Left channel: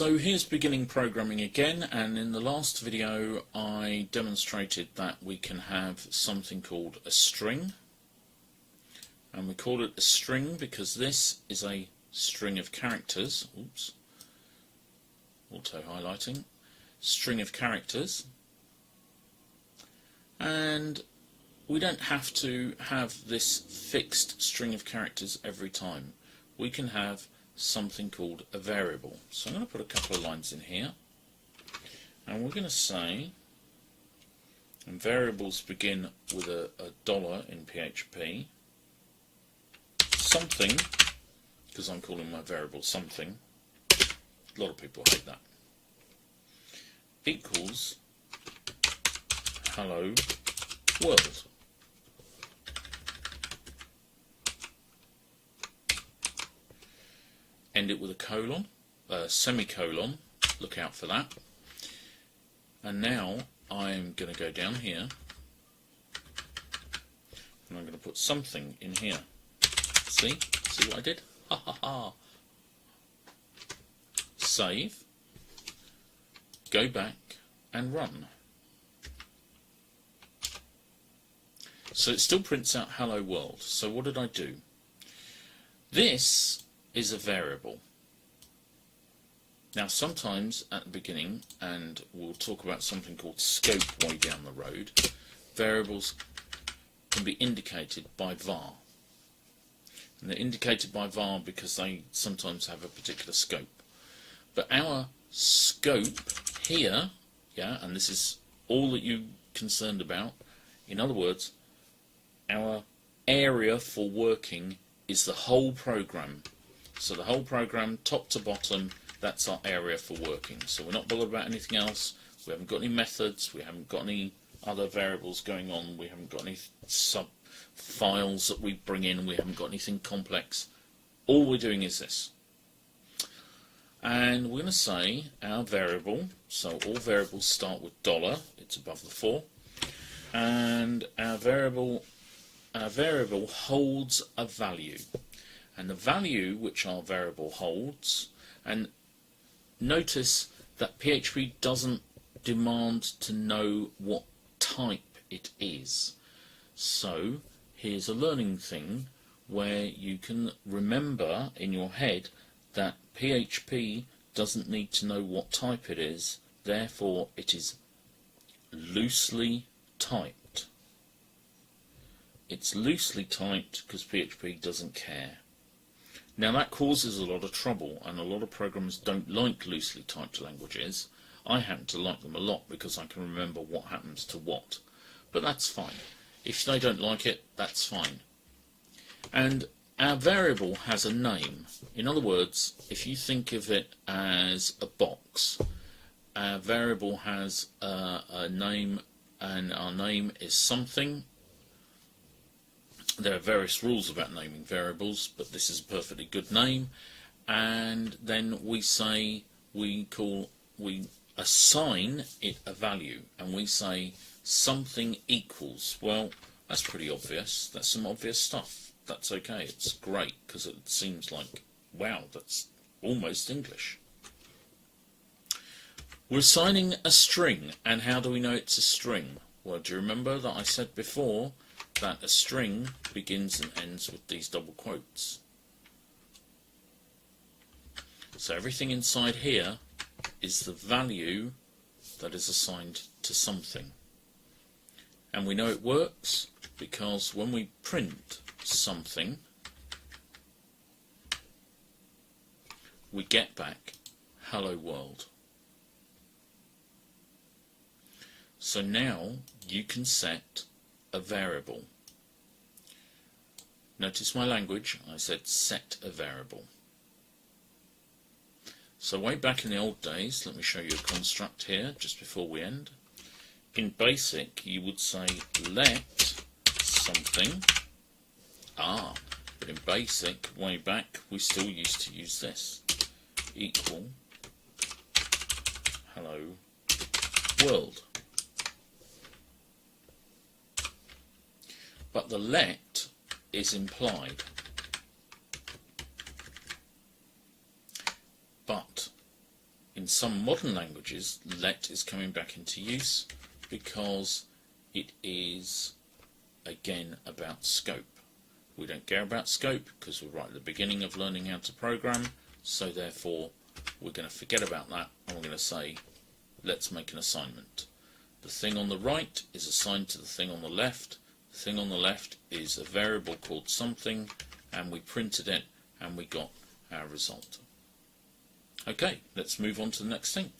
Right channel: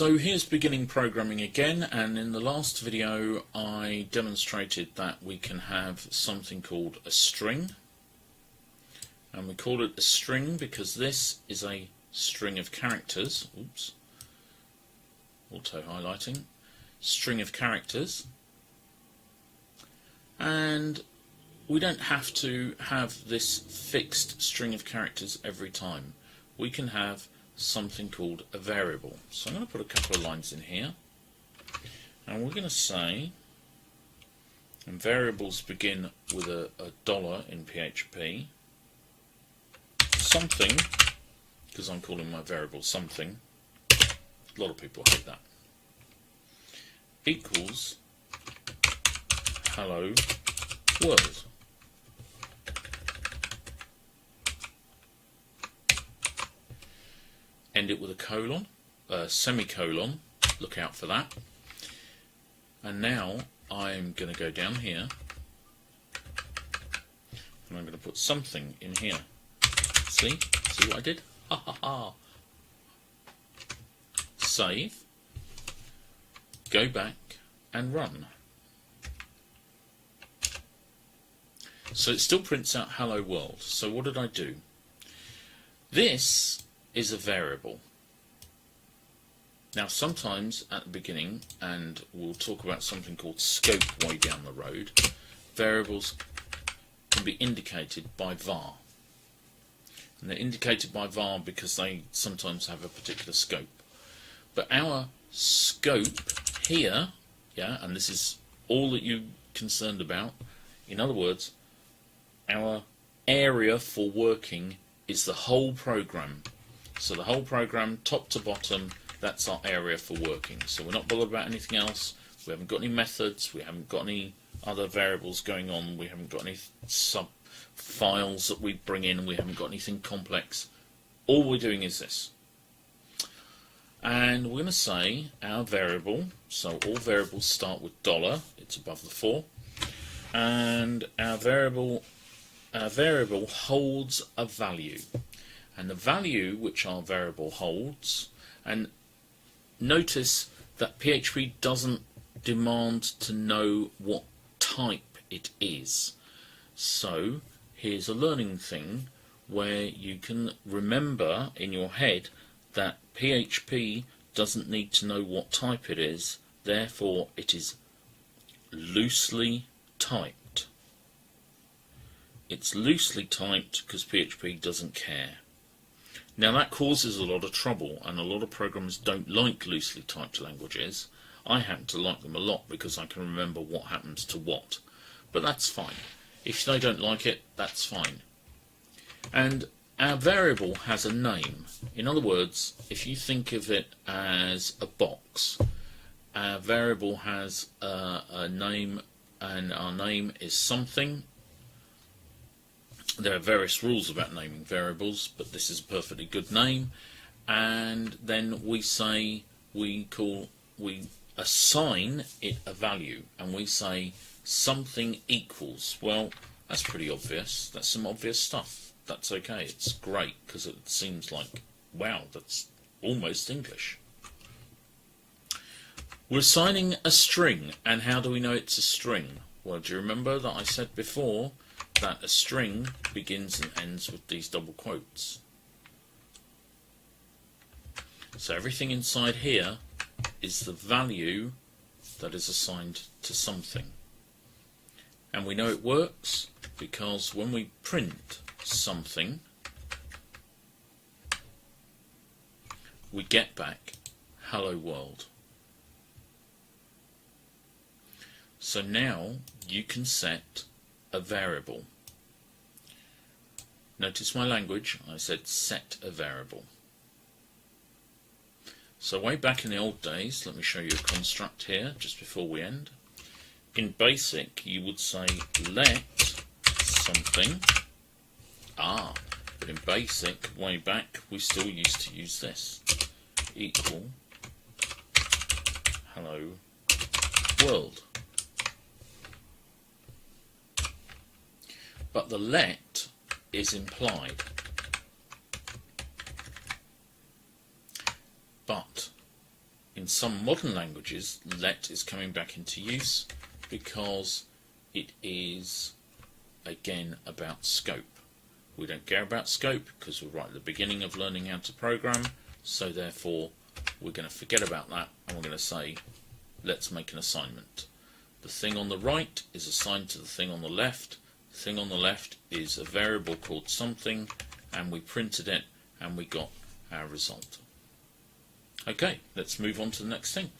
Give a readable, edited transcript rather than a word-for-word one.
So here's beginning programming again, and in the last video I demonstrated that we can have something called a string, and we call it a string because this is a string of characters. Oops, auto highlighting, string of characters, and we don't have to have this fixed string of characters every time. We can have something called a variable. So I'm going to put a couple of lines in here, and we're going to say, and variables begin with a dollar in PHP, something, because I'm calling my variable something, a lot of people hate that, equals hello world. End it with a colon, semicolon, look out for that. And now I'm going to go down here and I'm going to put something in here. See what I did? Ha ha ha. Save, go back and run. So it still prints out hello world. So what did I do? This is a variable. Now sometimes at the beginning, and we'll talk about something called scope way down the road, variables can be indicated by var. And they're indicated by var because they sometimes have a particular scope. But our scope here, and this is all that you're concerned about, in other words, our area for working is the whole program. So the whole program, top to bottom, that's our area for working. So we're not bothered about anything else. We haven't got any methods. We haven't got any other variables going on. We haven't got any sub files that we bring in. We haven't got anything complex. All we're doing is this. And we're going to say our variable, so all variables start with dollar. It's above the 4. And our variable holds a value. And the value which our variable holds, and notice that PHP doesn't demand to know what type it is. So here's a learning thing where you can remember in your head that PHP doesn't need to know what type it is, therefore it is loosely typed. It's loosely typed because PHP doesn't care. Now that causes a lot of trouble, and a lot of programmers don't like loosely typed languages. I happen to like them a lot because I can remember what happens to what. But that's fine. If they don't like it, that's fine. And our variable has a name. In other words, if you think of it as a box, our variable has a name, and our name is something. There are various rules about naming variables, but this is a perfectly good name. And then we say, we assign it a value, and we say something equals. Well, that's pretty obvious. That's some obvious stuff. That's okay. It's great because it seems like, wow, that's almost English. We're assigning a string, and how do we know it's a string? Well, do you remember that I said before that a string begins and ends with these double quotes? So everything inside here is the value that is assigned to something. And we know it works because when we print something, we get back hello world. So now you can set a variable. Notice my language, I said set a variable. So way back in the old days, let me show you a construct here just before we end. In BASIC you would say let something, but in BASIC way back we still used to use this, equal hello world. But the let is implied. But some modern languages, let is coming back into use because it is, again, about scope. We don't care about scope because we're right at the beginning of learning how to program, so therefore we're going to forget about that and we're going to say, let's make an assignment. The thing on the right is assigned to the thing on the left. The thing on the left is a variable called something, and we printed it and we got our result. Okay, let's move on to the next thing.